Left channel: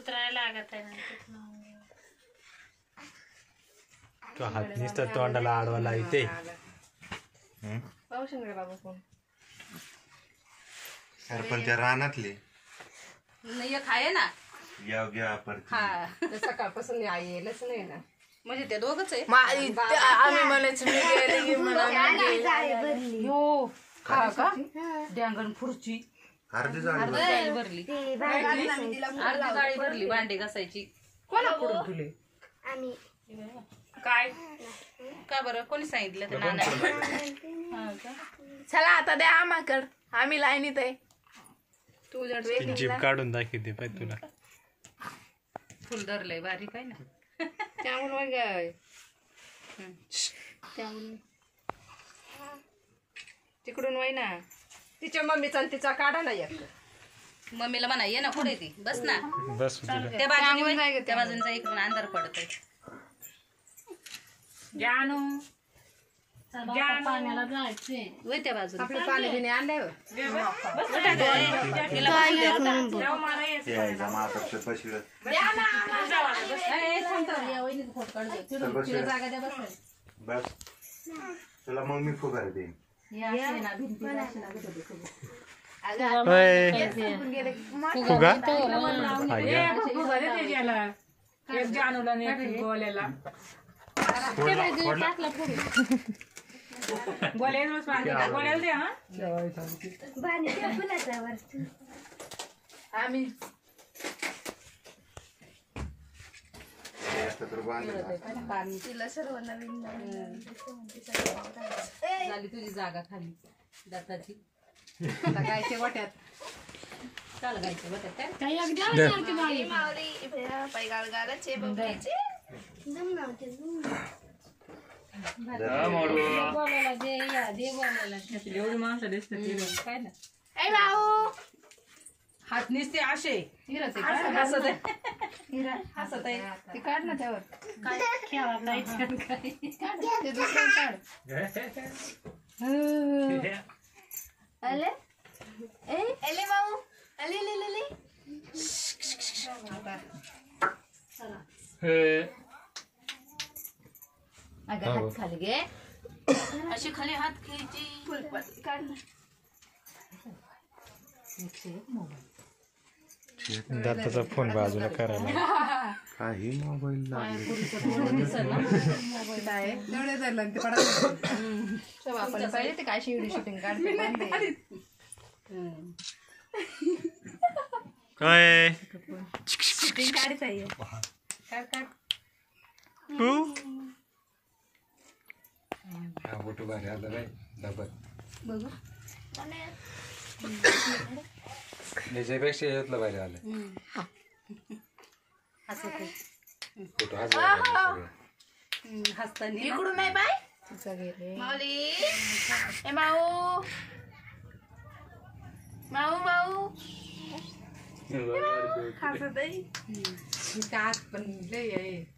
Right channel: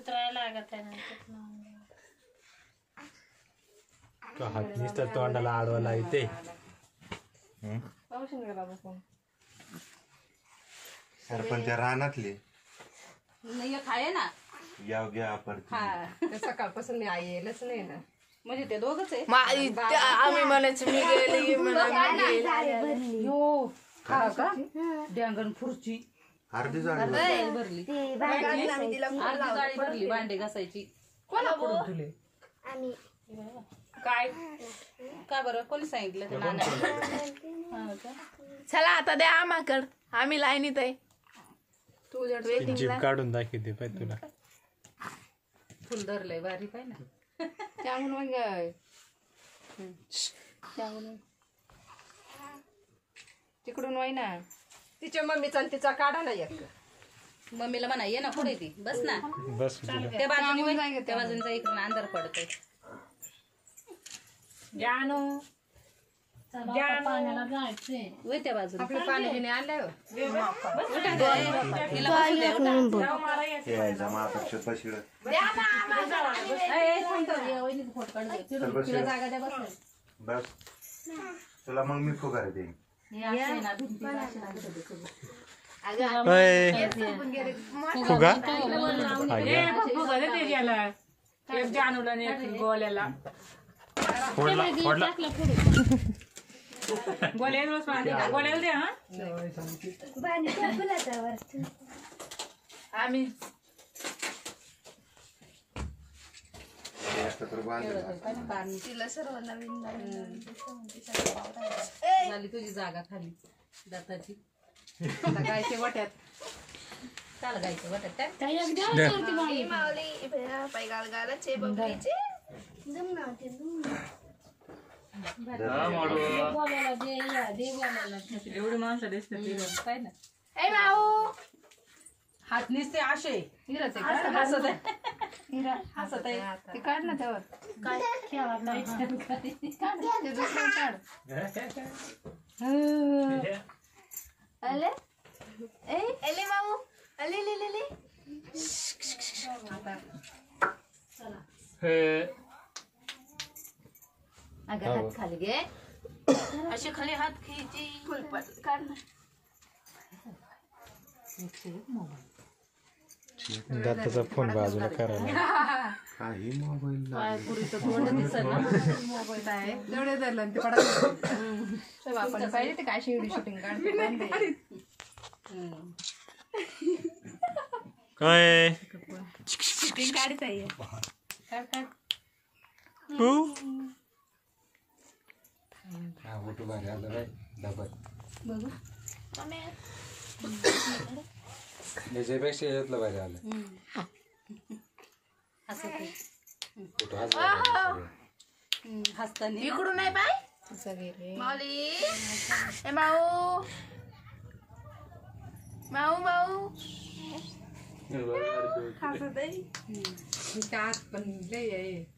उतरायला लागत आहे तो हात नुसतं तोंडाला आडवाला येते. पावशे बाबा कोण सरपंच रानातले नाही एक आहे ना. या घ्या परत सकाळपासून आई येलच नाही ना. म्हणजे ते दोघच आहे. आम्ही म्हणायचं मी गेले हो का डँगण खुर्ची अर्धी जाळी भरली. अर्धी जाळी भरली भांडे घासायची. कोणा करून दिले काय का बरं कोणी सांगितलं ते चला आता द्या आम्हाकड आम्ही लाईनीत आहे. तुझ्या जीभ काढून दाखवते पाय तुला. फुल धरलंय बारीक आहे ना. त्यामुळे मग त्यामुळे तिकडून वाई ना तिच्या मम्मीचा तिचा काढा ना एक. मम्मीला म्हणा ये ना पुढे ती बस ना. बस त्या बाजूने त्या बाजूनचा इकडून अंधार पडतोय. जानू पाण्याला जायचंय वय त्या बाजूला पाणी बिणी आणलंय बस तुला मग मी फुगार देईन. फुगा जानूला गोल्याला गोल्याला दे हा आम्ही तिला सर्व नवीन झाली तुझी जागा खाली दाताची. आता गायच्या वाट्यात चाल गायच्या वाट्यात काय मावली पाय गालगालाचे बबलीचे एवढी माणसं दिसते काय ना. ए भाऊ हात निसते असे हसत आहे ते काढ ना त्यावर ते दुसरं काढ. अले एले भाऊ अले ले ले ले अगं हात खाली घे अशी खाली हात घ्यायची. फुलपट काढ ना. दाताचा फोन बाजूला करायला. काही मोबाईल मोबाईल आहे तेवढे धरलं ते पडत आपण पाहिजे ते काय शेवटी शूटिंग काढते. काय शूटिंग काढत आहे काढ काढ. फोटो भारी आलं बाय डबल बघू याच्यापेक्षा यातलं भारी आलं. हसताना इकडून नाही बाय माऊली ए माऊ माऊ माऊ हसत आहे. पण लय आहे